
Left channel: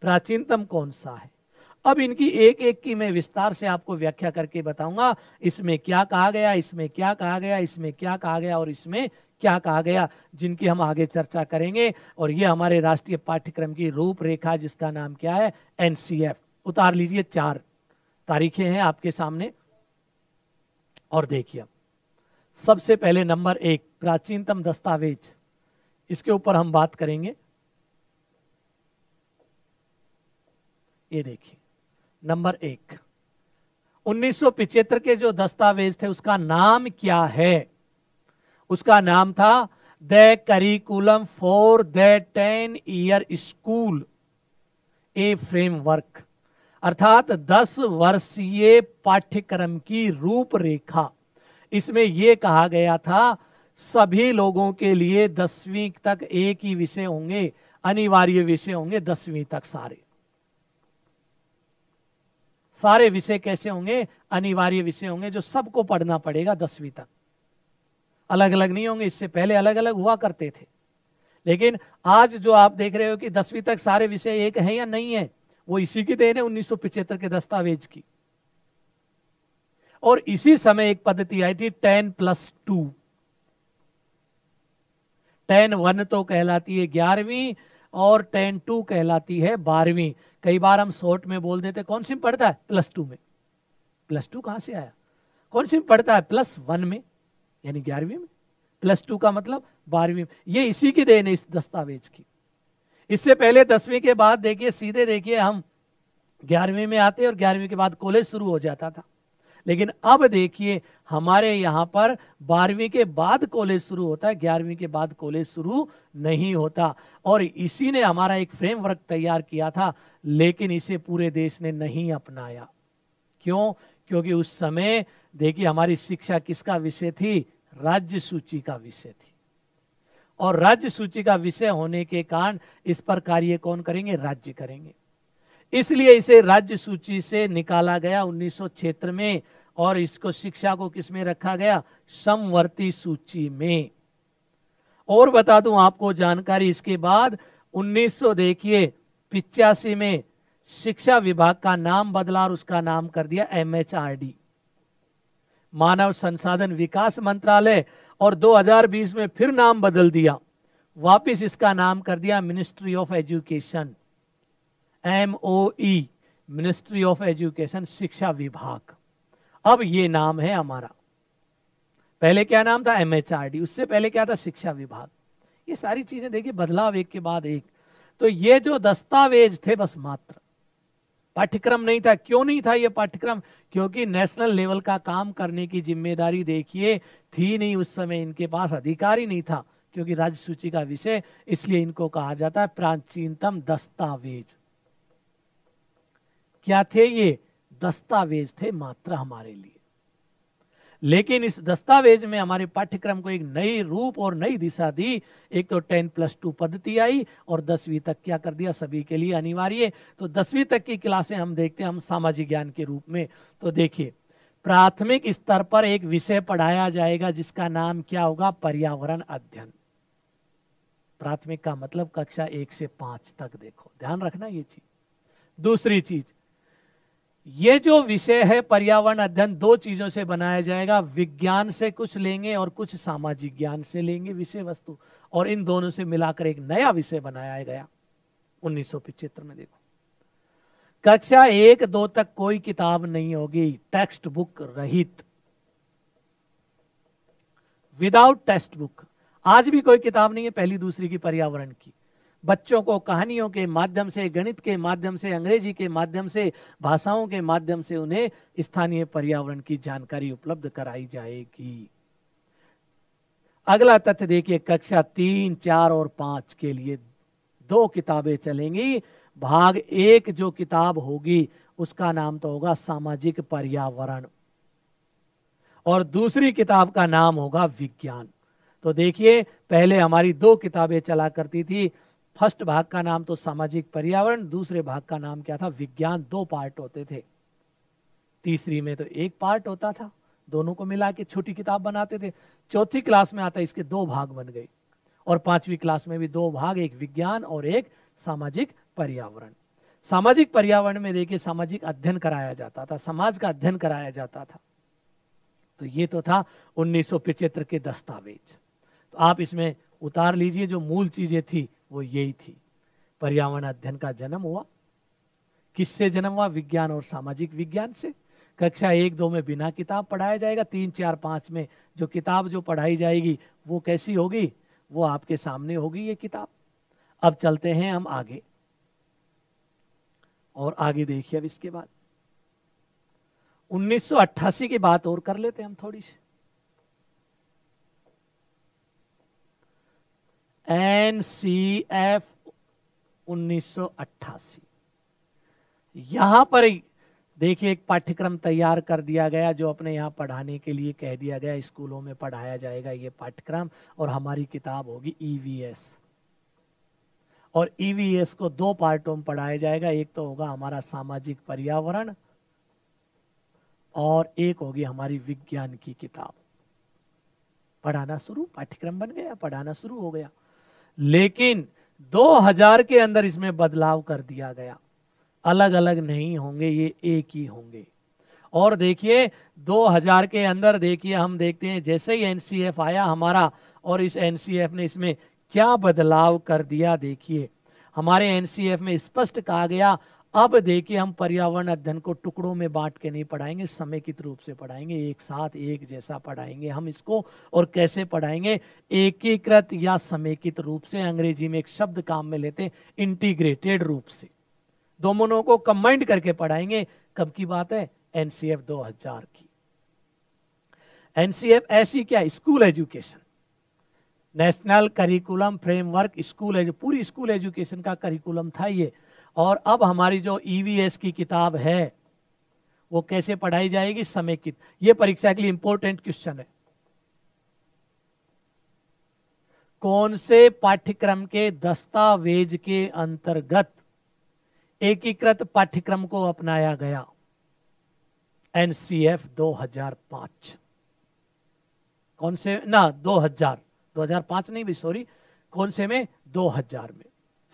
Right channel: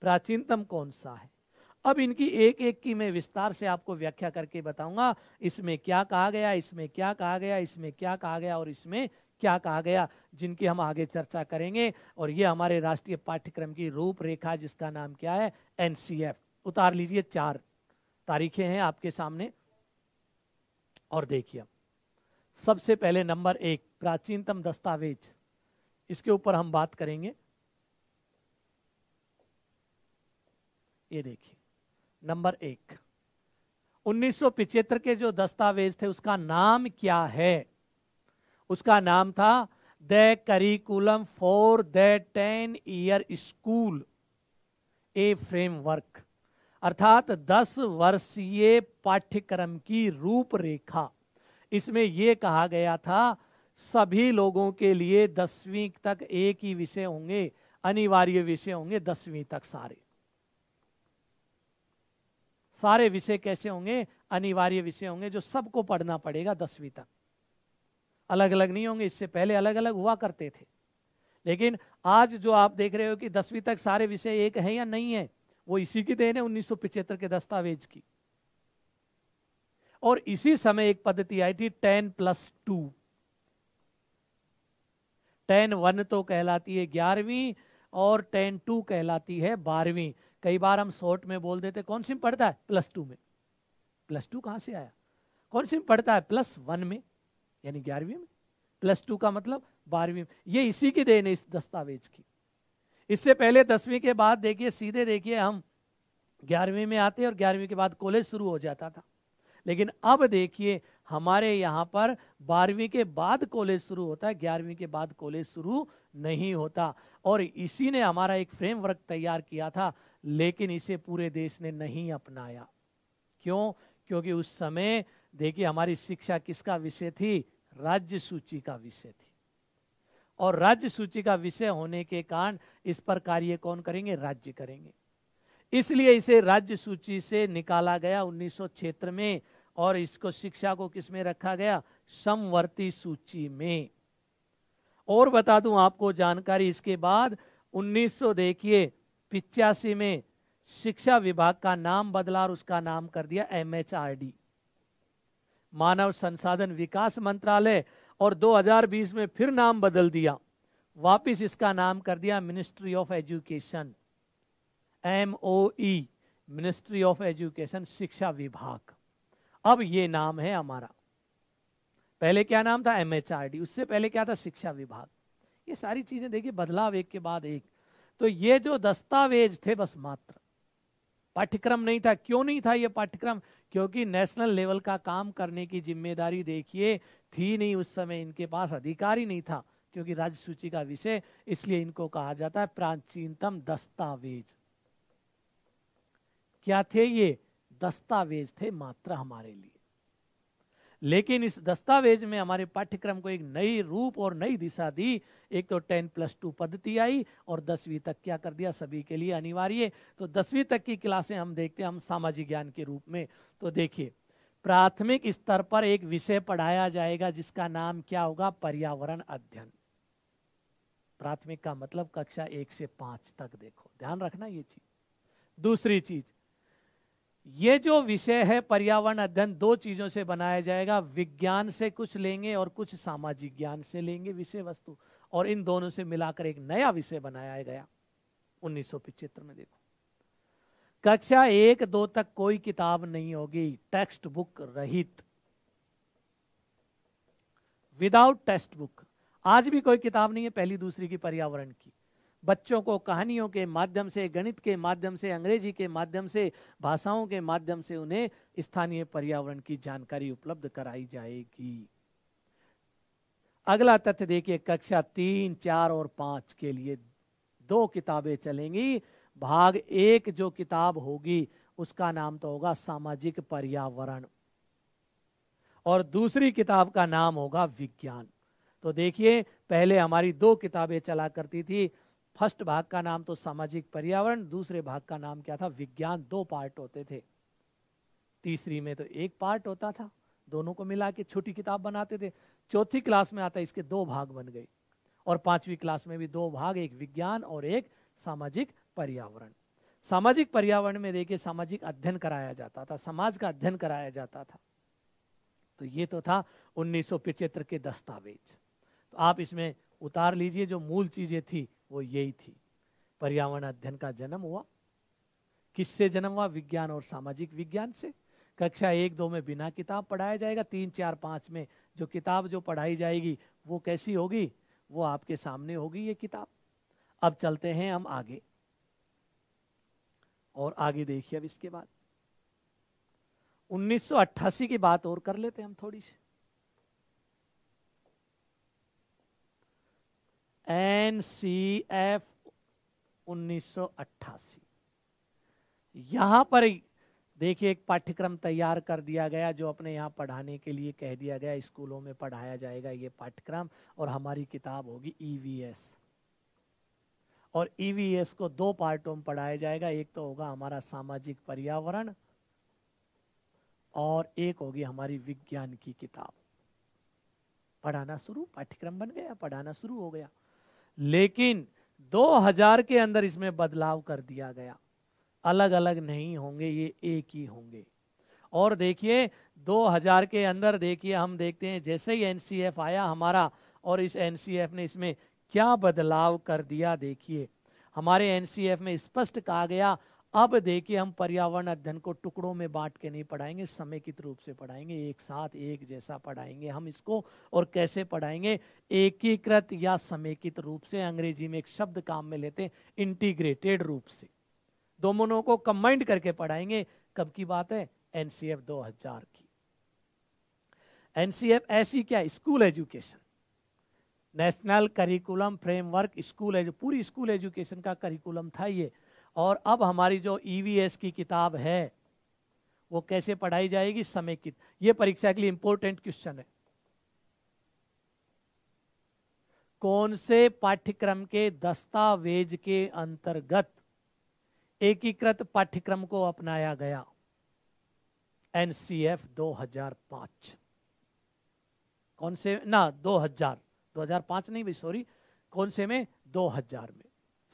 प्राचीनतम कौन सा है? अब इनकी एक एक की मैं विस्तार से आपको व्याख्या करके बताऊंगा, इसमें क्या कहा गया, इसमें क्या कहा गया, इसमें क्या कहा गया और इसमें क्या कहा गया, जिनकी हम आगे चर्चा करेंगे। और ये हमारे राष्ट्रीय पाठ्यक्रम की रूपरेखा, जिसका नाम क्या है? एनसीएफ। उतार लीजिए, 4 तारीखें हैं आपके सामने। और देखिए सबसे पहले नंबर 1, प्राचीनतम दस्तावेज, इसके ऊपर हम बात करेंगे। ये देखिए नंबर 1, 1975 के जो दस्तावेज थे उसका नाम क्या है? उसका नाम था the curriculum for the 10 year school A framework, अर्थात 10 वर्षीय पाठ्यक्रम की रूपरेखा। इसमें यह कहा गया था सभी लोगों के लिए 10वीं तक एक ही विषय होंगे, अनिवार्य विषय होंगे 10वीं तक। सारे विषय कैसे होंगे? अनिवार्य विषय होंगे जो सबको पढ़ना पड़ेगा 10वीं तक, अलग अलग नहीं होंगे। इससे पहले अलग अलग हुआ करते थे, लेकिन आज जो आप देख रहे हो कि 10वीं तक सारे विषय एक हैं या नहीं है, वो इसी की देन है 1975 के दस्तावेज की। और इसी समय एक पद्धति आई थी 10+2। 10-1 तो कहलाती है 11वीं और 10-2 कहलाती है 12वीं। कई बार हम शॉर्ट में बोल देते कौन सी पढ़ता है? +2 में। +2 कहां से आया? कौन सी पढ़ता है? +1 में, यानी 11वीं में। +2 का मतलब 12वीं में। ये इसी की देन है इस दस्तावेज की। इससे पहले 10वीं के बाद देखिए सीधे देखिए हम 11वीं में आते और 11वीं के बाद कॉलेज शुरू हो जाता था। लेकिन अब देखिए हमारे यहाँ पर 12वीं के बाद कॉलेज शुरू होता है, 11वीं के बाद कॉलेज शुरू नहीं होता। और इसी ने हमारा एक फ्रेमवर्क तैयार किया था, लेकिन इसे पूरे देश ने नहीं अपनाया। क्यों? क्योंकि उस समय देखिए हमारी शिक्षा किसका विषय थी? राज्य सूची का विषय थी। और राज्य सूची का विषय होने के कारण इस पर कार्य कौन करेंगे? राज्य करेंगे। इसलिए इसे राज्य सूची से निकाला गया 1976 में, और इसको शिक्षा को किस में रखा गया? समवर्ती सूची में। और बता दूं आपको जानकारी, इसके बाद 1985 में शिक्षा विभाग का नाम बदला और उसका नाम कर दिया MHRD, मानव संसाधन विकास मंत्रालय। और 2020 में फिर नाम बदल दिया, वापिस इसका नाम कर दिया ministry of education, MOE, ministry of education, शिक्षा विभाग। अब ये नाम है हमारा। पहले क्या नाम था? MHRD। उससे पहले क्या था? शिक्षा विभाग। ये सारी चीजें देखिए बदलाव एक के बाद एक। तो ये जो दस्तावेज थे बस मात्र, पाठ्यक्रम नहीं था। क्यों नहीं था ये पाठ्यक्रम? क्योंकि नेशनल लेवल का काम करने की जिम्मेदारी देखिए थी नहीं उस समय, इनके पास अधिकार ही नहीं था, क्योंकि राज्य सूची का विषय। इसलिए इनको कहा जाता है प्राचीनतम दस्तावेज। क्या थे ये? दस्तावेज थे मात्र हमारे लिए। लेकिन इस दस्तावेज में हमारे पाठ्यक्रम को एक नई रूप और नई दिशा दी। एक तो 10+2 पद्धति आई, और 10वीं तक क्या कर दिया? सभी के लिए अनिवार्य। तो 10वीं तक की क्लासें हम देखते हैं हम सामाजिक ज्ञान के रूप में। तो देखिए प्राथमिक स्तर पर एक विषय पढ़ाया जाएगा जिसका नाम क्या होगा? पर्यावरण अध्ययन। प्राथमिक का मतलब कक्षा 1 से 5 तक। देखो ध्यान रखना ये चीज। दूसरी चीज, ये जो विषय है पर्यावरण अध्ययन, दो चीजों से बनाया जाएगा। विज्ञान से कुछ लेंगे और कुछ सामाजिक ज्ञान से लेंगे विषय वस्तु, और इन दोनों से मिलाकर एक नया विषय बनाया गया 1975 में। देखो कक्षा 1-2 तक कोई किताब नहीं होगी, टेक्स्ट बुक रहित, विदाउट टेक्स्ट बुक। आज भी कोई किताब नहीं है पहली दूसरी की पर्यावरण की। बच्चों को कहानियों के माध्यम से, गणित के माध्यम से, अंग्रेजी के माध्यम से, भाषाओं के माध्यम से उन्हें स्थानीय पर्यावरण की जानकारी उपलब्ध कराई जाएगी। अगला तथ्य देखिए, कक्षा 3, 4 और 5 के लिए 2 किताबें चलेंगी। भाग 1 जो किताब होगी उसका नाम तो होगा सामाजिक पर्यावरण, और दूसरी किताब का नाम होगा विज्ञान। तो देखिए पहले हमारी 2 किताबें चला करती थी। फर्स्ट भाग का नाम तो सामाजिक पर्यावरण, दूसरे भाग का नाम क्या था? विज्ञान। 2 पार्ट होते थे। तीसरी में तो 1 पार्ट होता था, दोनों को मिला के छोटी किताब बनाते थे। चौथी क्लास में आता इसके 2 भाग बन गए, और 5वीं क्लास में भी 2 भाग, एक विज्ञान और एक सामाजिक पर्यावरण। सामाजिक पर्यावरण में देखिए सामाजिक अध्ययन कराया जाता था, समाज का अध्ययन कराया जाता था। तो ये तो था 1975 के दस्तावेज। तो आप इसमें उतार लीजिए, जो मूल चीजें थी वो यही थी। पर्यावरण अध्ययन का जन्म हुआ, किससे जन्म हुआ? विज्ञान और सामाजिक विज्ञान से। कक्षा 1-2 में बिना किताब पढ़ाया जाएगा। 3, 4, 5 में जो किताब जो पढ़ाई जाएगी वो कैसी होगी? वो आपके सामने होगी ये किताब। अब चलते हैं हम आगे, और आगे देखिए अब इसके बाद 1988 की बात और कर लेते हैं हम थोड़ी सी। NCF 1988, यहां पर देखिए एक पाठ्यक्रम तैयार कर दिया गया जो अपने यहाँ पढ़ाने के लिए कह दिया गया, स्कूलों में पढ़ाया जाएगा ये पाठ्यक्रम, और हमारी किताब होगी EVS। और EVS को 2 पार्टों में पढ़ाया जाएगा। एक तो होगा हमारा सामाजिक पर्यावरण, और एक होगी हमारी विज्ञान की किताब। पढ़ाना शुरू, पाठ्यक्रम बन गया, पढ़ाना शुरू हो गया। लेकिन 2000 के अंदर इसमें बदलाव कर दिया गया। अलग अलग नहीं होंगे, ये एक ही होंगे। और देखिए 2000 के अंदर देखिए हम देखते हैं जैसे ही NCF आया हमारा, और इस NCF ने इसमें क्या बदलाव कर दिया। देखिए हमारे NCF में स्पष्ट कहा गया अब देखिए हम पर्यावरण अध्ययन को टुकड़ों में बांट के नहीं पढ़ाएंगे, समेकित रूप से पढ़ाएंगे, एक साथ एक जैसा पढ़ाएंगे हम इसको। और कैसे पढ़ाएंगे? एकीकृत या समेकित रूप से। अंग्रेजी में एक शब्द काम में लेते हैं, इंटीग्रेटेड रूप से। दोनों को कंबाइंड करके पढ़ाएंगे। कब की बात है? एनसीएफ 2000 की। एनसीएफ ऐसी क्या? School education, national curriculum framework, school पूरी स्कूल एजुकेशन का करिकुलम था ये। और अब हमारी जो ईवीएस की किताब है वो कैसे पढ़ाई जाएगी? समेकित। ये परीक्षा के लिए इंपॉर्टेंट क्वेश्चन है। कौन से पाठ्यक्रम के दस्तावेज के अंतर्गत एकीकृत पाठ्यक्रम को अपनाया गया? एनसीएफ 2005। कौन से? ना 2005 नहीं भी, सॉरी, कौन से में? 2000 में,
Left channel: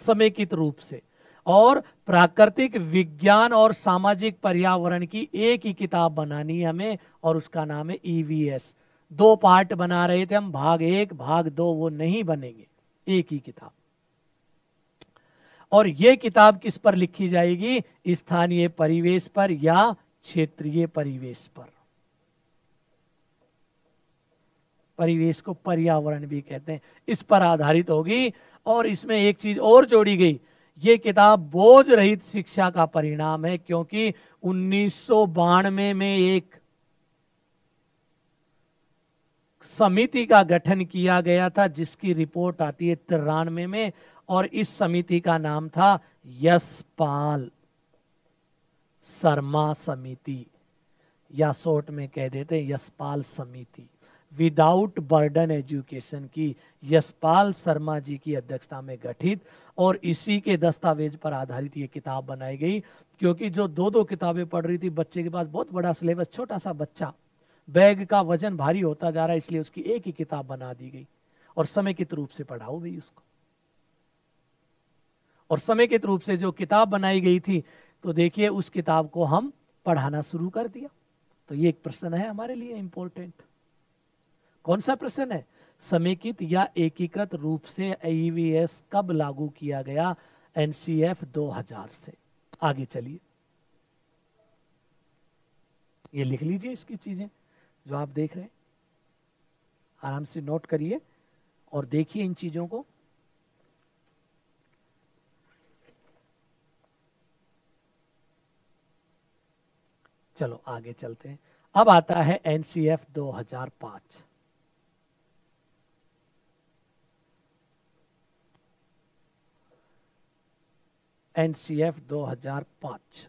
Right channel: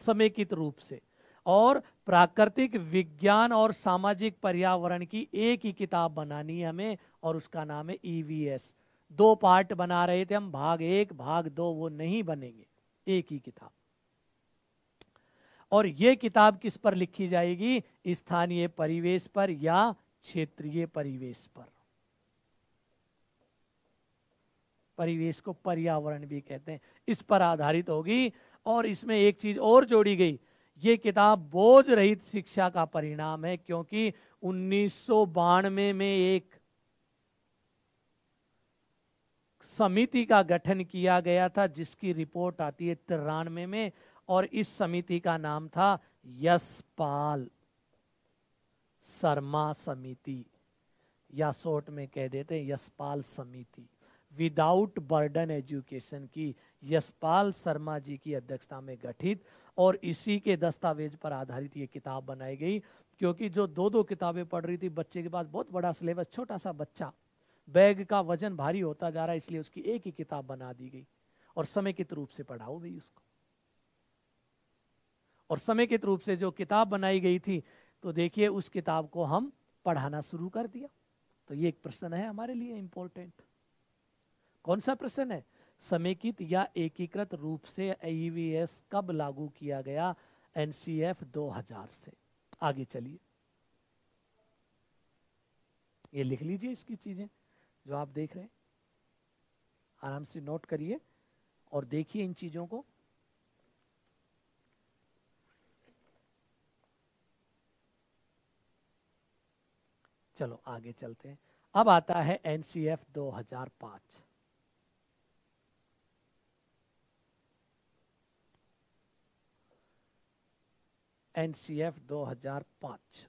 समेकित रूप से। और प्राकृतिक विज्ञान और सामाजिक पर्यावरण की एक ही किताब बनानी है हमें, और उसका नाम है ईवीएस। 2 पार्ट बना रहे थे हम, भाग 1 भाग 2, वो नहीं बनेंगे, एक ही किताब। और ये किताब किस पर लिखी जाएगी? स्थानीय परिवेश पर या क्षेत्रीय परिवेश पर। परिवेश को पर्यावरण भी कहते हैं, इस पर आधारित होगी। और इसमें एक चीज और जोड़ी गई, ये किताब बोझ रहित शिक्षा का परिणाम है, क्योंकि 1992 में एक समिति का गठन किया गया था जिसकी रिपोर्ट आती है 93 में, और इस समिति का नाम था यशपाल शर्मा समिति, या शॉर्ट में कह देते हैं यशपाल समिति। विदाउट बर्डन एजुकेशन की यशपाल शर्मा जी की अध्यक्षता में गठित, और इसी के दस्तावेज पर आधारित ये किताब बनाई गई। क्योंकि जो 2-2 किताबें पढ़ रही थी, बच्चे के पास बहुत बड़ा सिलेबस, छोटा सा बच्चा, बैग का वजन भारी होता जा रहा है, इसलिए उसकी एक ही किताब बना दी गई। और समेकित रूप से पढ़ाओ भी उसको। और समेकित रूप से जो किताब बनाई गई थी, तो देखिए उस किताब को हम पढ़ाना शुरू कर दिया। तो ये एक प्रश्न है हमारे लिए इंपॉर्टेंट। कौन सा प्रश्न है? समेकित या एकीकृत रूप से ईवीएस कब लागू किया गया? एनसीएफ 2000 से। आगे चलिए, ये लिख लीजिए इसकी चीजें जो आप देख रहे हैं, आराम से नोट करिए और देखिए इन चीजों को। चलो आगे चलते हैं। अब आता है एनसीएफ 2005। एनसीएफ 2005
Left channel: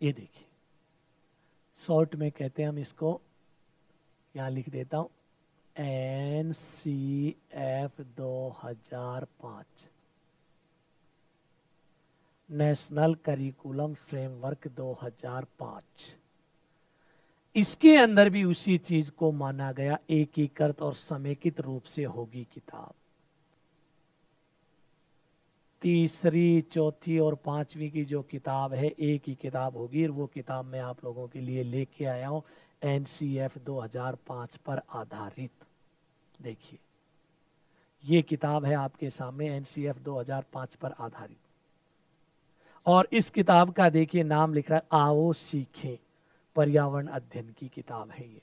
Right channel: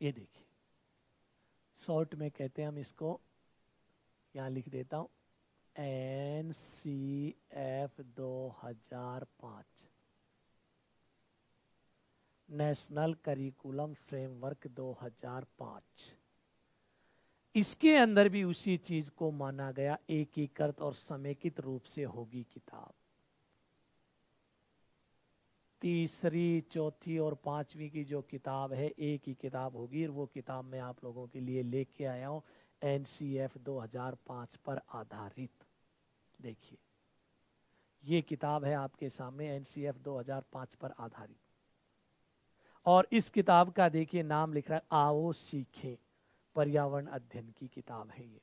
ये देखिए, शॉर्ट में कहते हैं हम इसको, यहां लिख देता हूं, एनसीएफ 2005, नेशनल करिकुलम फ्रेमवर्क 2005। इसके अंदर भी उसी चीज को माना गया, एकीकृत और समेकित रूप से होगी किताब। तीसरी, चौथी और 5वीं की जो किताब है, एक ही किताब होगी। और वो किताब मैं आप लोगों के लिए लेके आया हूं, एनसीएफ 2005 पर आधारित। देखिए ये किताब है आपके सामने, एनसीएफ 2005 पर आधारित। और इस किताब का देखिए नाम लिख रहा है, आओ सीखें, पर्यावरण अध्ययन की किताब है ये।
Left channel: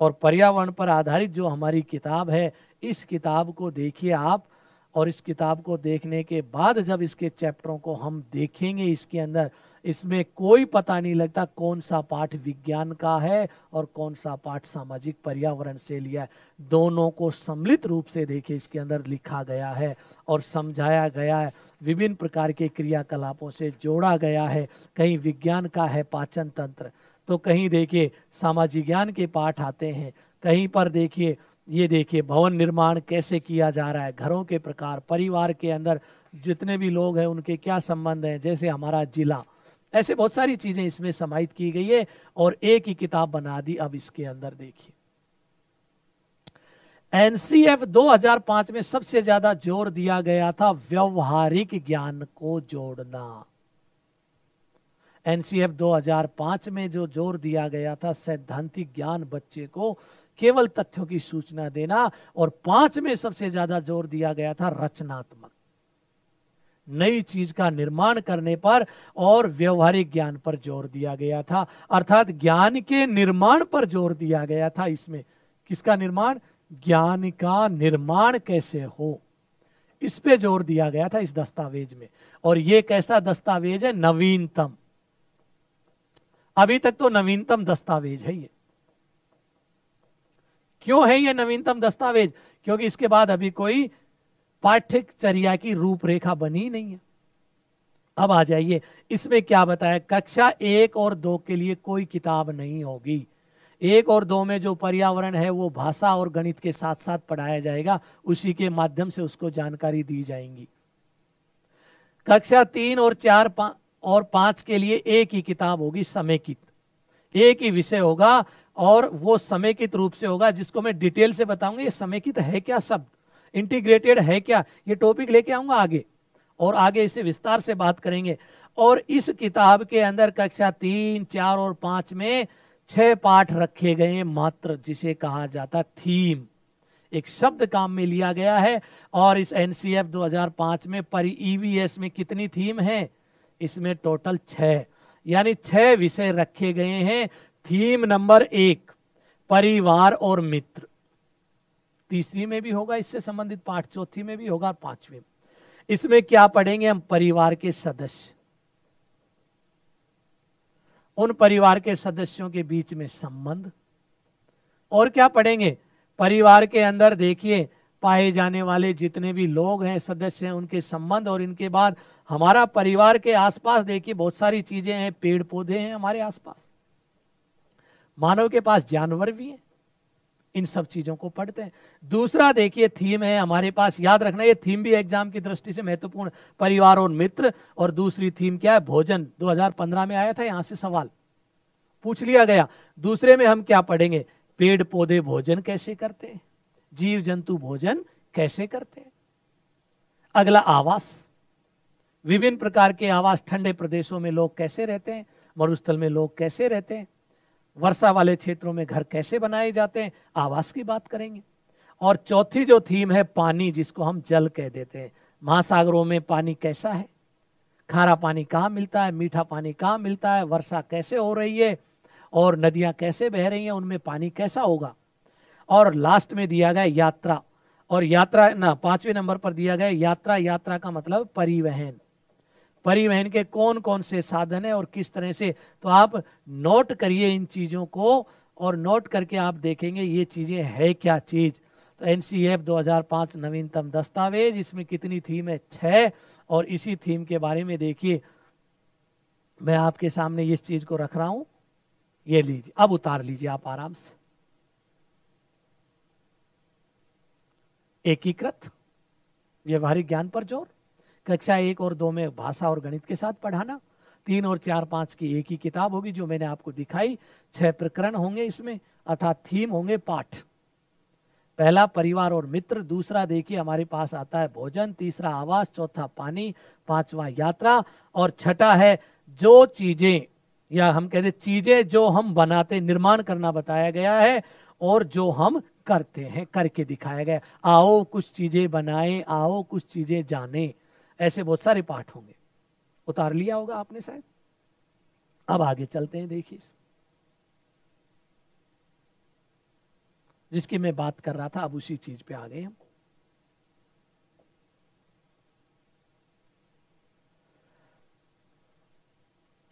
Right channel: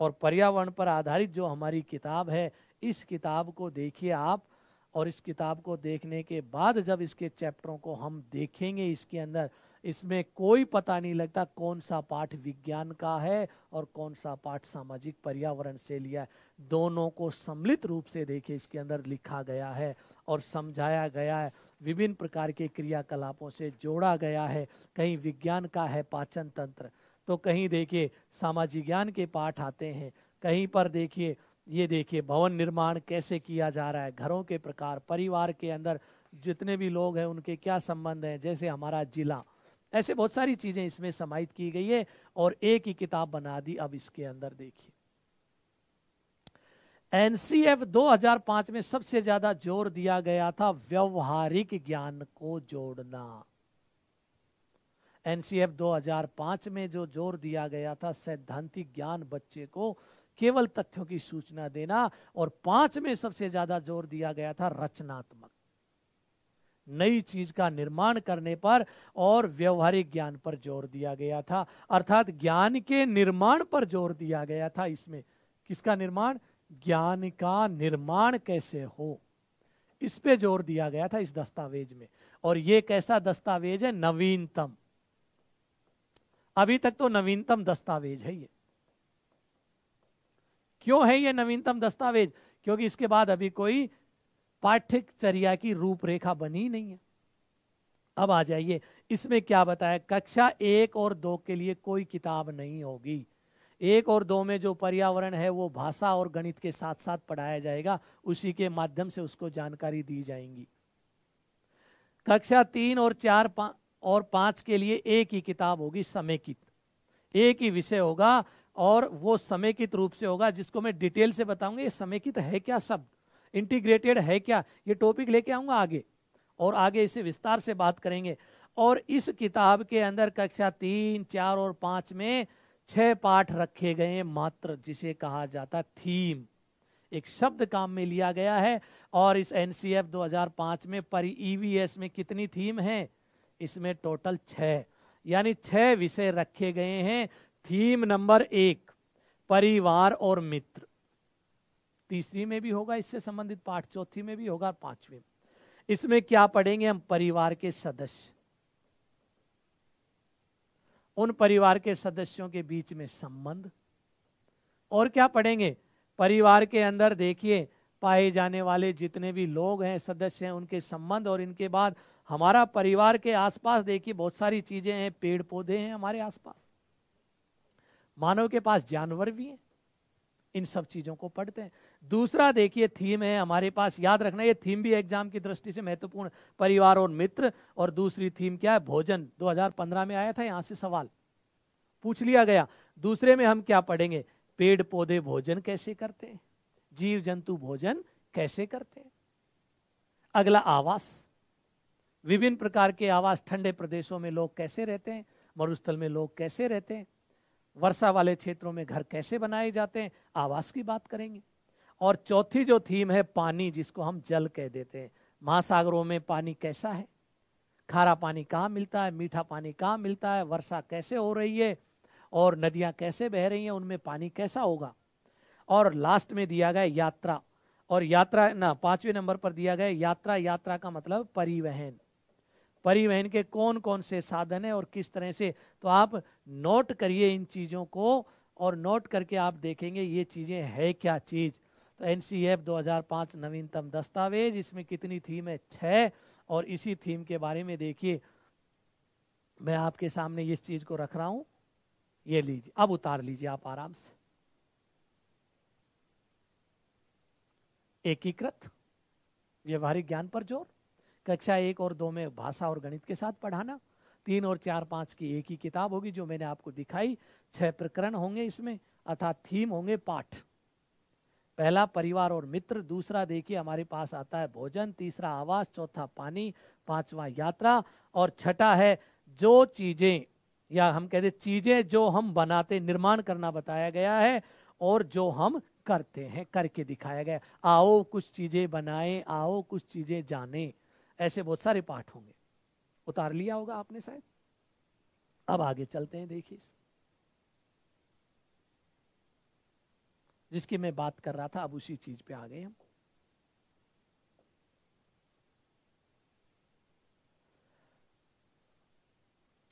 और पर्यावरण पर आधारित जो हमारी किताब है, इस किताब को देखिए आप। और इस किताब को देखने के बाद जब इसके चैप्टरों को हम देखेंगे, इसके अंदर इसमें कोई पता नहीं लगता कौन सा पाठ विज्ञान का है और कौन सा पाठ सामाजिक पर्यावरण से लिया है। दोनों को सम्मिलित रूप से देखिए इसके अंदर लिखा गया है और समझाया गया है, विभिन्न प्रकार के क्रियाकलापों से जोड़ा गया है। कहीं विज्ञान का है पाचन तंत्र, तो कहीं देखिए सामाजिक ज्ञान के पाठ आते हैं, कहीं पर देखिए ये देखिए भवन निर्माण कैसे किया जा रहा है, घरों के प्रकार, परिवार के अंदर जितने भी लोग हैं उनके क्या संबंध हैं, जैसे हमारा जिला, ऐसे बहुत सारी चीजें इसमें समाहित की गई है और एक ही किताब बना दी। अब इसके अंदर देखिए एनसीएफ 2005 में सबसे ज्यादा जोर दिया गया था व्यवहारिक ज्ञान को जोड़ना। एनसीएफ 2005 में जो जोर दिया गया था, सैद्धांतिक ज्ञान बच्चे को केवल तथ्यों की सूचना देना। और 5 में सबसे ज्यादा जोर दिया गया था रचनात्मक, नई चीज का निर्माण करने पर और व्यवहारिक ज्ञान पर जोर दिया गया था। अर्थात ज्ञान के निर्माण पर जोर दिया गया था। इसमें किसका निर्माण? ज्ञान का निर्माण कैसे हो, इस पे जोर दिया गया था इस दस्तावेज में। और ये कैसा दस्तावेज है? नवीनतम। अभी तक तो नवीनतम दस्तावेज है ये। क्यों है ये नवीनतम दस्तावेज? क्योंकि इसके बाद अभी कोई पाठ्यचर्या की रूपरेखा बनी नहीं है। अब आ जाइए, इसमें क्या बताया? कक्षा 1 और 2 के लिए कोई किताब नहीं होगी। 1 और 2 में जो पर्यावरण है वो भाषा और गणित के साथ साथ पढ़ाया जाएगा, उसी के माध्यम से उसको जानकारी दी जाएंगी। कक्षा 3 और 4 और 5 के लिए एक ही किताब होगी, समेकित, एक ही विषय होगा और वो समेकित रूप से होगा, जिसको मैं डिटेल से बताऊंगा ये समेकित है क्या, शब्द इंटीग्रेटेड है क्या, ये टॉपिक लेके आऊंगा आगे, और आगे इसे विस्तार से बात करेंगे। और इस किताब के अंदर कक्षा 3, 4 और 5 में 6 पाठ रखे गए मात्र, जिसे कहा जाता थीम। एक शब्द काम में लिया गया है। और इस एनसीएफ 2005 में ईवीएस में कितनी थीम है? इसमें टोटल 6, यानी 6 विषय रखे गए हैं। थीम नंबर 1 परिवार और मित्र, तीसरी में भी होगा इससे संबंधित पाठ, चौथी में भी होगा, 5वीं में। इसमें क्या पढ़ेंगे हम? परिवार के सदस्य, उन परिवार के सदस्यों के बीच में संबंध। और क्या पढ़ेंगे? परिवार के अंदर देखिए पाए जाने वाले जितने भी लोग हैं, सदस्य हैं, उनके संबंध। और इनके बाद हमारा परिवार के आसपास देखिए बहुत सारी चीजें हैं, पेड़ पौधे हैं हमारे आसपास, मानव के पास जानवर भी हैं, इन सब चीजों को पढ़ते हैं। दूसरा देखिए थीम है हमारे पास, याद रखना ये थीम भी एग्जाम की दृष्टि से महत्वपूर्ण, परिवार और मित्र। और दूसरी थीम क्या है? भोजन। 2015 में आया था, यहां से सवाल पूछ लिया गया। दूसरे में हम क्या पढ़ेंगे? पेड़ पौधे भोजन कैसे करते हैं, जीव जंतु भोजन कैसे करते हैं। अगला आवास, विभिन्न प्रकार के आवास, ठंडे प्रदेशों में लोग कैसे रहते हैं, मरुस्थल में लोग कैसे रहते हैं, वर्षा वाले क्षेत्रों में घर कैसे बनाए जाते हैं, आवास की बात करेंगे। और चौथी जो थीम है पानी, जिसको हम जल कह देते हैं। महासागरों में पानी कैसा है, खारा पानी कहाँ मिलता है, मीठा पानी कहाँ मिलता है, वर्षा कैसे हो रही है, और नदियां कैसे बह रही हैं, उनमें पानी कैसा होगा। और लास्ट में दिया गया यात्रा। और यात्रा ना 5वें नंबर पर दिया गया यात्रा। यात्रा का मतलब परिवहन, परिवहन के कौन कौन से साधन है और किस तरह से। तो आप नोट करिए इन चीजों को, और नोट करके आप देखेंगे ये चीजें है क्या चीज। तो एनसीएफ 2005 नवीनतम दस्तावेज, इसमें कितनी थीम है? 6। और इसी थीम के बारे में देखिए मैं आपके सामने इस चीज को रख रहा हूं, ये लीजिए, अब उतार लीजिए आप आराम से। एकीकृत व्यवहारिक ज्ञान पर जोर, कक्षा 1 और 2 में भाषा और गणित के साथ पढ़ाना। 3 और 4, 5 की एक ही किताब होगी जो मैंने आपको दिखाई। 6 प्रकरण होंगे इसमें, अर्थात थीम होंगे, पाठ। पहला परिवार और मित्र, दूसरा देखिए हमारे पास आता है भोजन, तीसरा आवास, चौथा पानी, 5वां यात्रा, और छठा है जो चीजें, या हम कहते चीजें जो हम बनाते, निर्माण करना बताया गया है, और जो हम करते हैं, करके दिखाया गया। आओ कुछ चीजें बनाएं, आओ कुछ चीजें जाने, ऐसे बहुत सारे पाठ होंगे। उतार लिया होगा आपने शायद। अब आगे चलते हैं, देखिए जिसकी मैं बात कर रहा था, अब उसी चीज पे आ गए हम।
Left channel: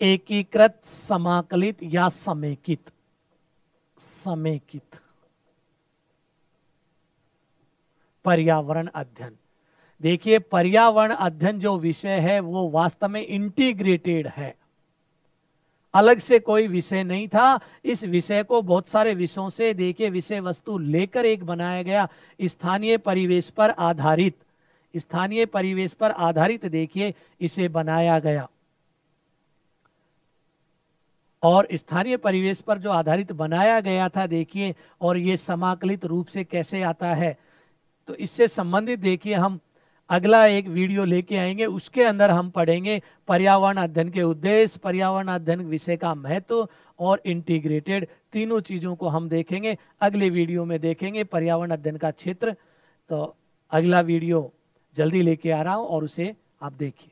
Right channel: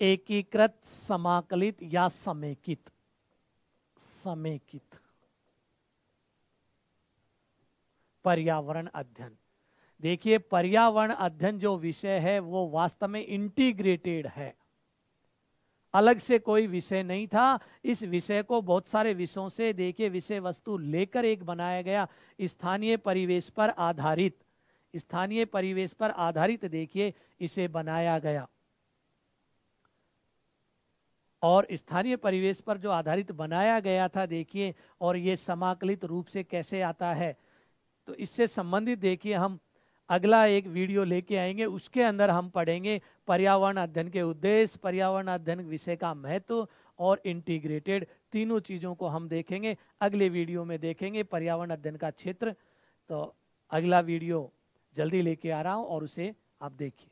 एकीकृत, समाकलित या समेकित। समेकित पर्यावरण अध्ययन। देखिए पर्यावरण अध्ययन जो विषय है वो वास्तव में इंटीग्रेटेड है, अलग से कोई विषय नहीं था। इस विषय को बहुत सारे विषयों से देखिए विषय वस्तु लेकर एक बनाया गया, स्थानीय परिवेश पर आधारित, स्थानीय परिवेश पर आधारित देखिए इसे बनाया गया। और स्थानीय परिवेश पर जो आधारित बनाया गया था देखिए, और ये समाकलित रूप से कैसे आता है, तो इससे संबंधित देखिए हम अगला एक वीडियो लेके आएंगे, उसके अंदर हम पढ़ेंगे पर्यावरण अध्ययन के उद्देश्य, पर्यावरण अध्ययन विषय का महत्व, और इंटीग्रेटेड, तीनों चीजों को हम देखेंगे। अगले वीडियो में देखेंगे पर्यावरण अध्ययन का क्षेत्र। तो अगला वीडियो जल्दी लेके आ रहा हूं और उसे आप देखिए।